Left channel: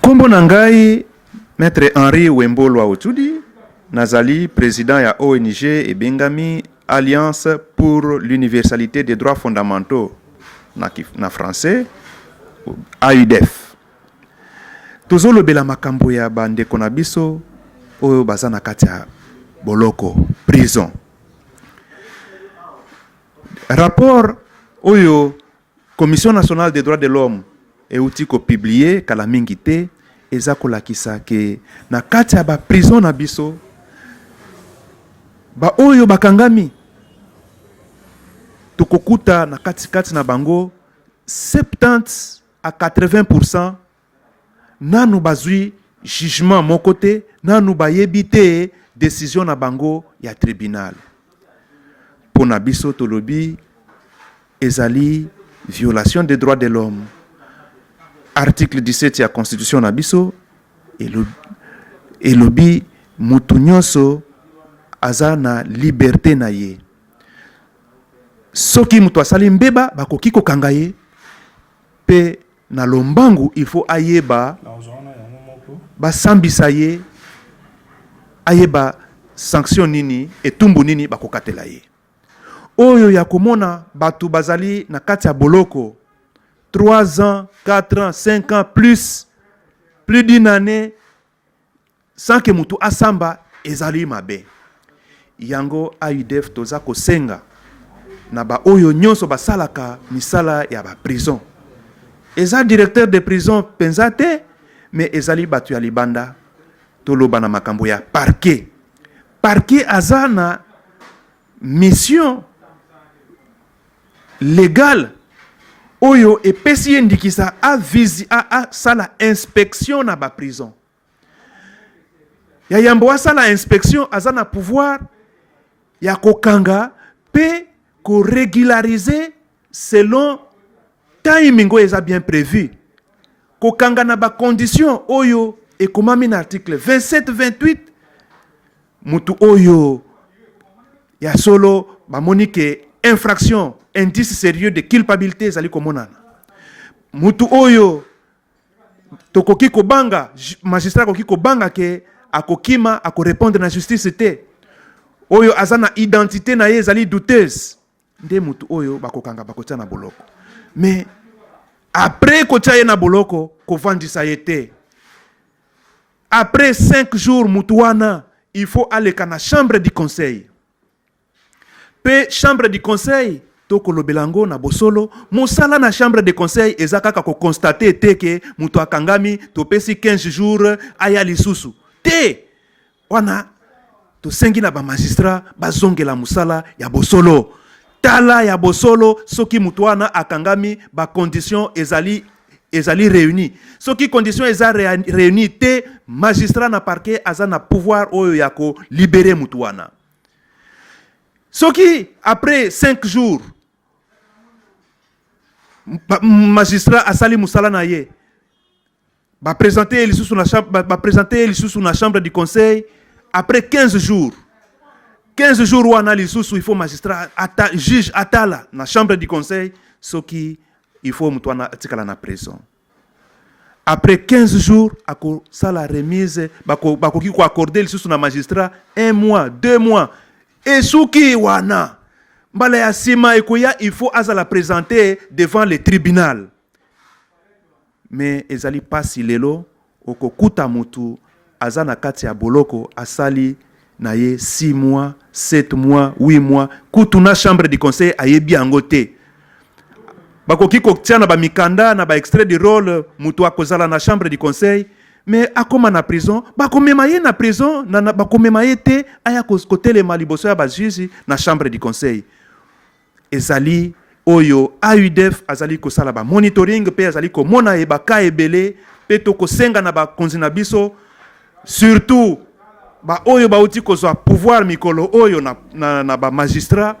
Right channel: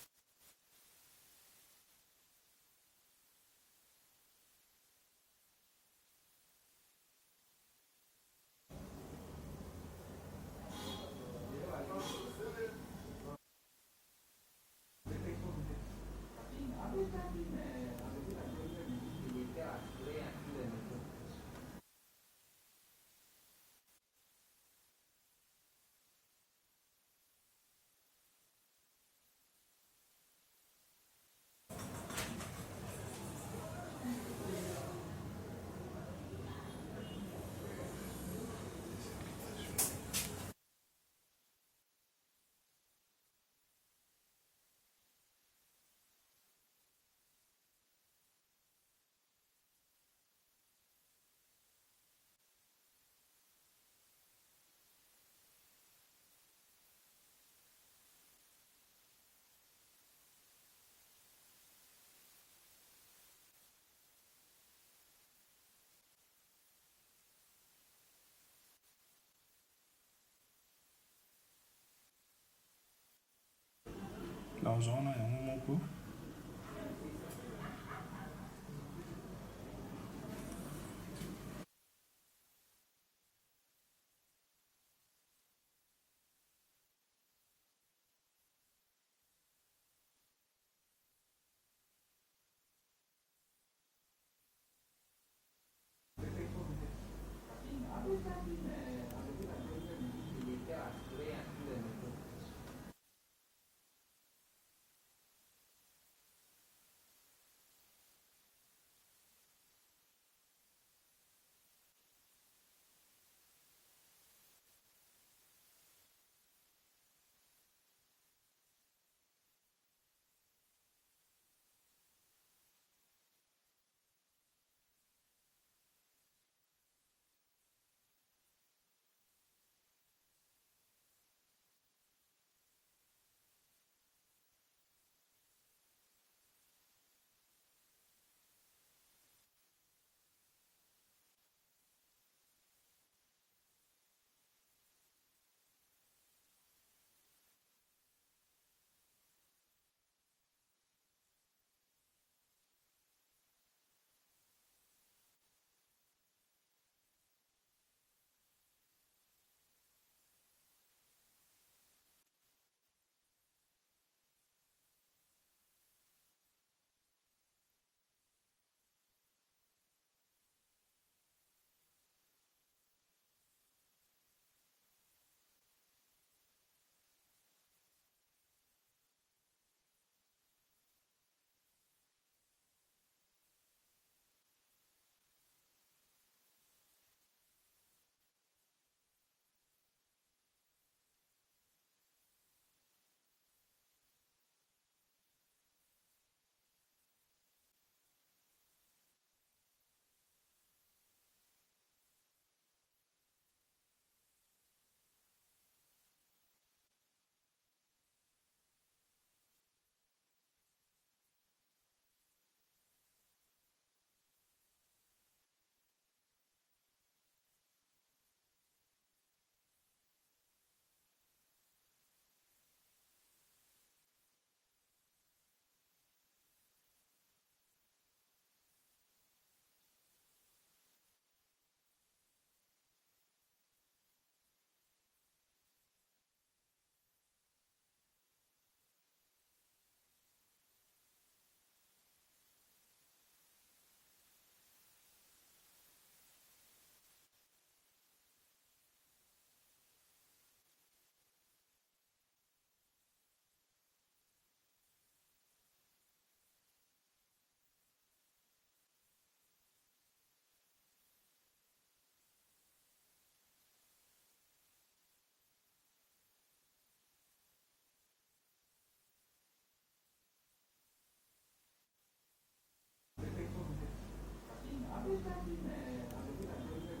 Kombo nangai Maître Henri Wembolo Autudi, nazali président ya ONG et Bengami Alliance pour l'universalité des droits fondamentaux na français AUDF. Tozolo bela makambo ya bandeko na biso oyo baza na kati ya boloko prison. Rapport oyo Commission nationale des droits de l'homme euti ko publié kala mingi te eza kolakisa ke na kati ya ba prison na biso ba oyo bakangami tokokuta na kati na bango 70 à 80% nanu bazui jugement mon côté nanu bayebi te décision na bango ya tribunal. Pona biso tolobi ezali violation des droits de l'homme. Article 17 ya constitution na biso elobi mutu nyonso aza na liberté na ye. Soki mutu asali mbeba bakoki kokanga ye pe na lombangu il faut ayeba basambisa ye ayeba sanction nini etumbu nini bakokatela ye. Oyo ya komona batu bazali na kati ya boloko 3 ans, 4 ans, 5 ans, plus d'une année, sans que mutu asamba ezali mabe. Yango AUDF toza kosenga na ba oyo nyonso basalaka misala ya ba prison. Eza directeur de prison penzate, mais ezali batu ya libanda toloba na makambo ya parquet. Parquet azana mission légale oyo epesi endikisa a sala inspection na ba prison. Ya yambo sala inspection azana pouvoir ya kokanga pe ko régulariser selon timing oyo eza bien prévu. Kokanga na ba condition oyo ekomami na article 27-28 mutu oyo ya solo ba monique infraction indice sérieux de culpabilité ezali komonana. Mutu oyo tokoki kobanga magistrat koki kobanga ke akokima akorépondre na justice te. Oyo azana identité na ye ezali douteuse. Nde mutu oyo bakokanga bakotia na boloko. Mais après kotia ye na boloko kovandisa ye te. Après 5 jours mutu wana il faut aller na chambre du conseil. Pe chambre du conseil toko lobelango na bosolo mosala na chambre de conseil ezaka ko constater te ke mutu akangami topesi 15 jours aya lisusu te wana to sengi na ba magistrat bazongela musala ya bosolo tala ya bosolo soki mutu wana akangami ba condition ezali réuni soki condition eza réuni te magistrat na parquet azana pouvoir oyo ya ko libérer mutu wana. Soki après 5 jours magistrat asali musala na ye ba présenter lisusu na chambre du conseil après 15 jours wana lisusu il faut magistrat juge atala na chambre du conseil soki il faut mutwana atikala na prison. Après 15 jours ako sala remise bakoki ko accorder lisusu na magistrat 1 mois 2 mois et soki wana mbala ya sima ekoya il faut azala présenter devant le tribunal. Mais ezali pasi lelo okokuta mutu azana kati ya boloko asali na ye 6 mois 7 mois 8 mois kutu na chambre du conseil ayebi yango te. Bakoki kotia na ba mikanda na ba extrait de rôle mutu akozala na chambre du conseil mais akoma na prison bakomema ye na prison na bakomema ye te aya kotelema liboso ya ba juge na chambre du conseil. Ezali oyo AUDF azali kosala ba monitoring pe azali komona ye ba ka ebele pe to kosenga na ba konzi na biso surtout ba oyo ba uti kozwa pouvoir mikolo oyo na ba magistrat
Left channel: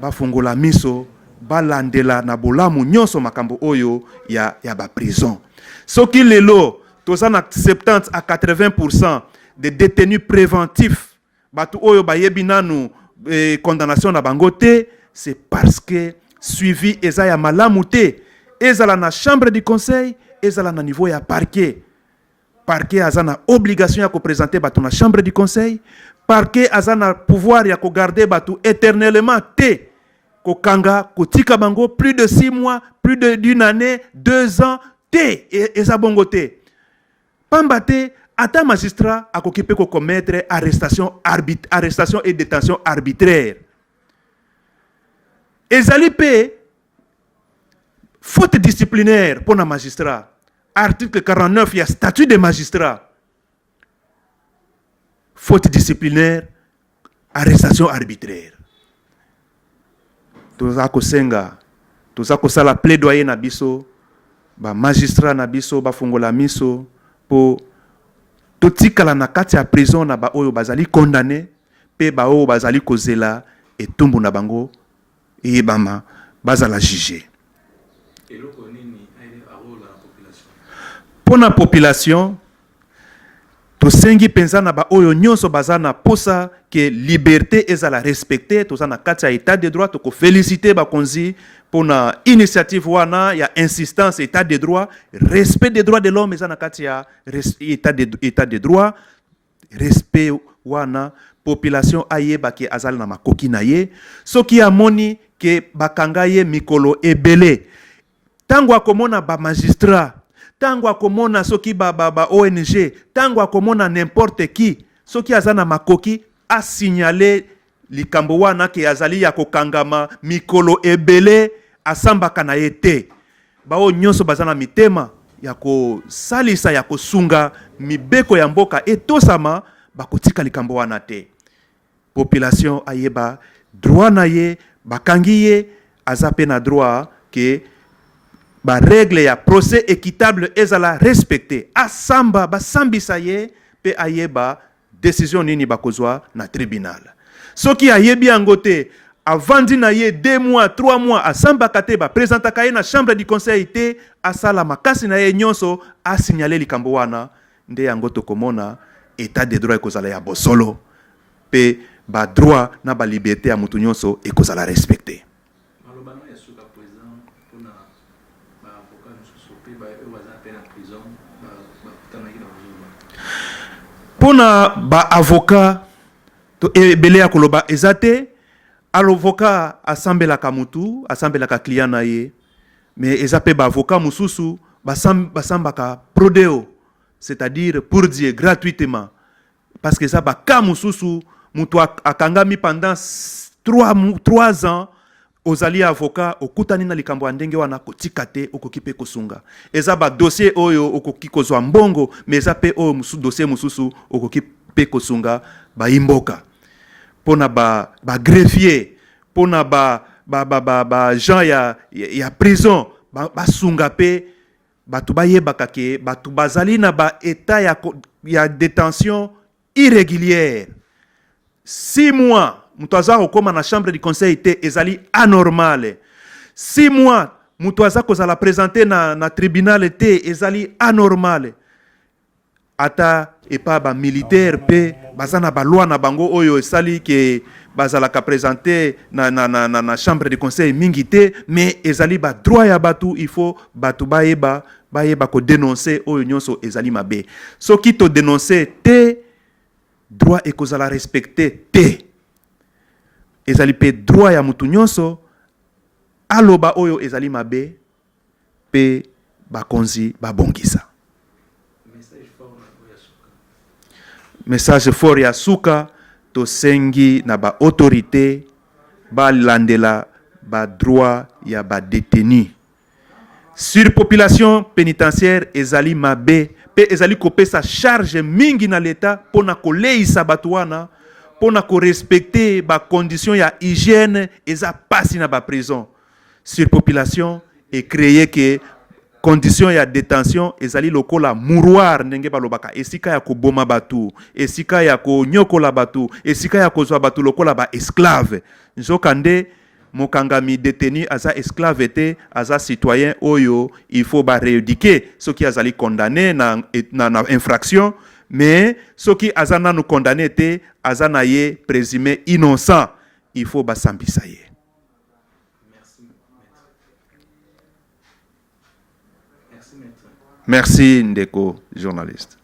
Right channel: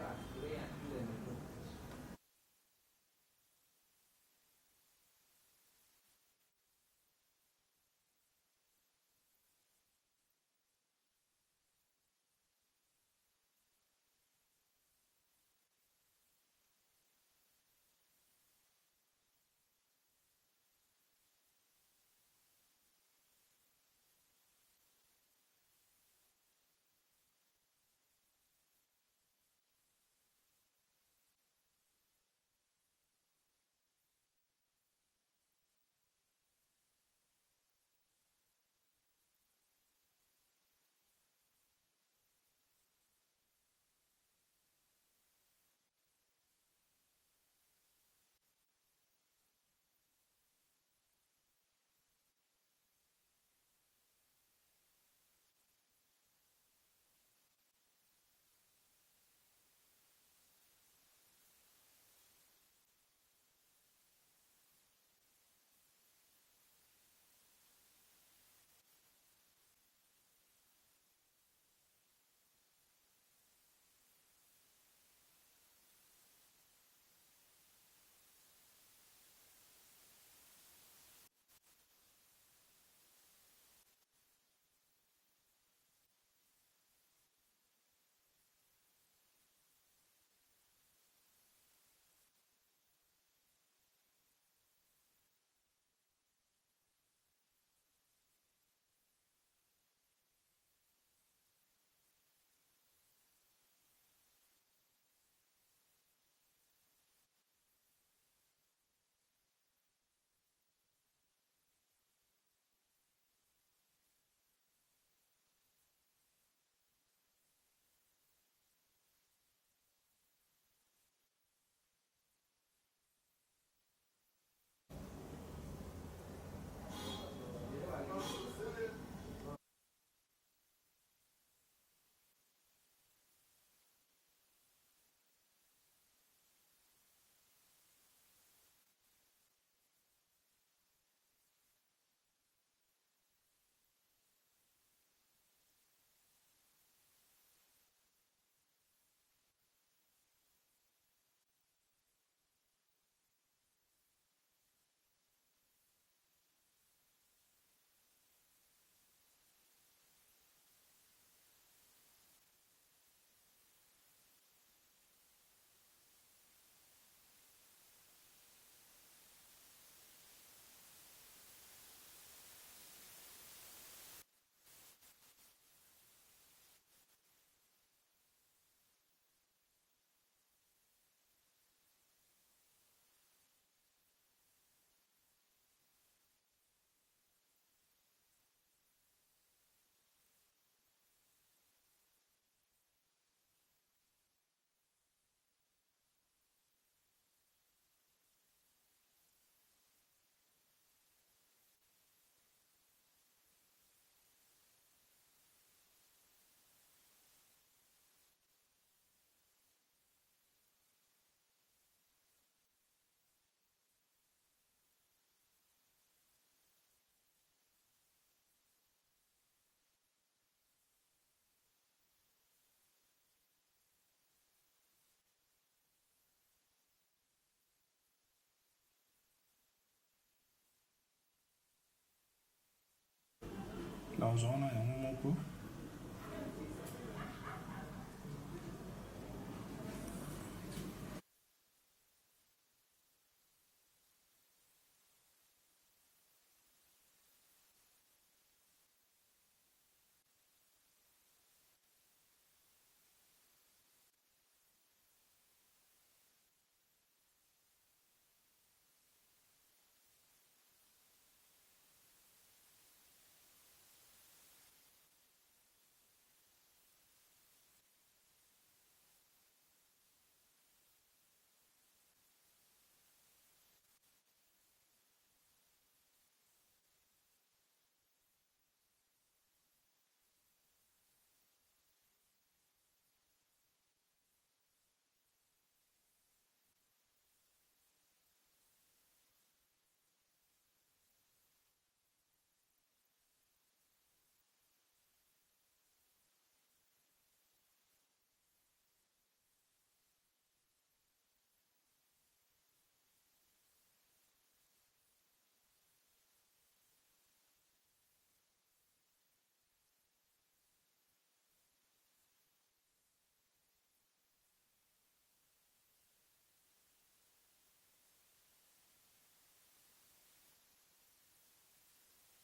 ba fungola miso balandela na bolamu nyonso makambo oyo ya ba prison. Soki lelo tozana 70 à 80% de détenus préventifs batu oyo bayebi nanu condamnation na bango te, c'est parce que suivi eza ya malamu te ezala na chambre du conseil, ezala na niveau ya parquet. Parquet aza na obligation ya ko présenter bato na chambre du conseil. Parquet aza na pouvoir ya ko garder bato éternellement te. Ko kanga, ko tika bango plus de 6 mois, plus d'une année, 2 ans te eza bongo te. Pamba te ata magistrat akoki pe ko commettre arrestation et détention arbitraire. Ezali pe faute disciplinaire pour un magistrat. Article 49, il y a statut de magistrat. Faute disciplinaire, arrestation arbitraire. Tozako senga, tozako sala plaidoyer na biso, ba magistrat na biso, ba fungola miso, po totikala na kati ya prison na ba oyo bazali condamné, pe ba oyo bazali kozela etumbu na bango, eyebama bazala jugé. Pour la population, tosengi penza na ba oyo nyonso bazana posa que liberté ezala respectée, tozana kati ya état de droit, toko féliciter ba konzi pour na initiative wana ya insistance état de droit, respect des droits de l'homme ezana kati ya état de droit, respect wana population ayeba ke azala na makoki na ye, soki amoni ke bakanga ye mikolo ebele, tango akomona ba magistrat, tango akomona soki ba ONG, tango akomona n'importe qui, soki azana makoki a signaler likambo wana ke azali ya kokangama mikolo ebele asambaka na yete. Bao nyonso bazana mitema ya ko salisa ya kosunga mibeko ya mboka etosama bakotika likambo wana te. Population ayeba droit na ye, bakangi ye azape na droit ke ba règle ya procès équitable ezala respecté. Asamba basambisa ye pe ayeba décision nini bakozwa na tribunal. Soki ayebi angote avandi na ye 2 mois, 3 mois asamba kate ba présentaka ye na chambre du conseil te asala makasi na ye nyonso a signaler likambo wana nde angoto komona état de droit ekozala ya bosolo pe ba droit na ba liberté ya mutu nyonso ekozala respecté. Pona ba avocat to ebele ya koloba ezate avocat asambela ka mutu asambela ka client na ye mais ezape ba avocat mususu basamba ka prodeo, c'est-à-dire pour dire gratuitement parce que ça ba ka mususu mutu akangami pendant 3 ans ozali avocat okutani na likambo ya ndenge wana kotika te okoki pe kosunga. Eza ba dossier oyo okoki kozwa mbongo mais eza pe oyo dossier mususu okoki pe kosunga ba imboka. Pona ba greffier, pona ba gens ya prison basunga pe batu bayebaka ke batu bazali na ba état ya détention irrégulière. 6 mois mutuaza okoma na chambre du conseil te ezali anormal. 6 mois mutuaza kozala présenter na tribunal te ezali anormal. Ata epa ba militaire pe bazana ba loi na bango oyo esali ke bazala ka présenter na chambre du conseil mingi te, mais ezali ba droit ya batu, il faut batu bayeba ko dénoncer oyo nyonso ezali mabe. Soki to dénoncer te droit ekozala respecté te. Ezali pe droit ya mutu nyonso aloba oyo ezali mabe pe bakonzi babongisa. Message fort ya suka to sengi na ba autorité ba landela ba droit ya ba détenu. Surpopulation pénitentiaire ezali mabe pe ezali kopesa charge mingi na l'état pona koleisa batu wana pona ko respecter ba condition ya hygiène eza pasi na ba prison. Surpopulation est créé que condition ya détention ezali lokola mouroir ndenge balobaka esika ya koboma batu, esika ya konyokola batu, esika ya kozwa batu lokola ba esclave. Nzokande mokangami détenu aza esclave te, aza citoyen oyo il faut ba rééduquer soki azali condamné na infraction, mais soki azana no condamné te azana ye présumé innocent, il faut ba sambisa ye. Merci, Ndeko, journaliste.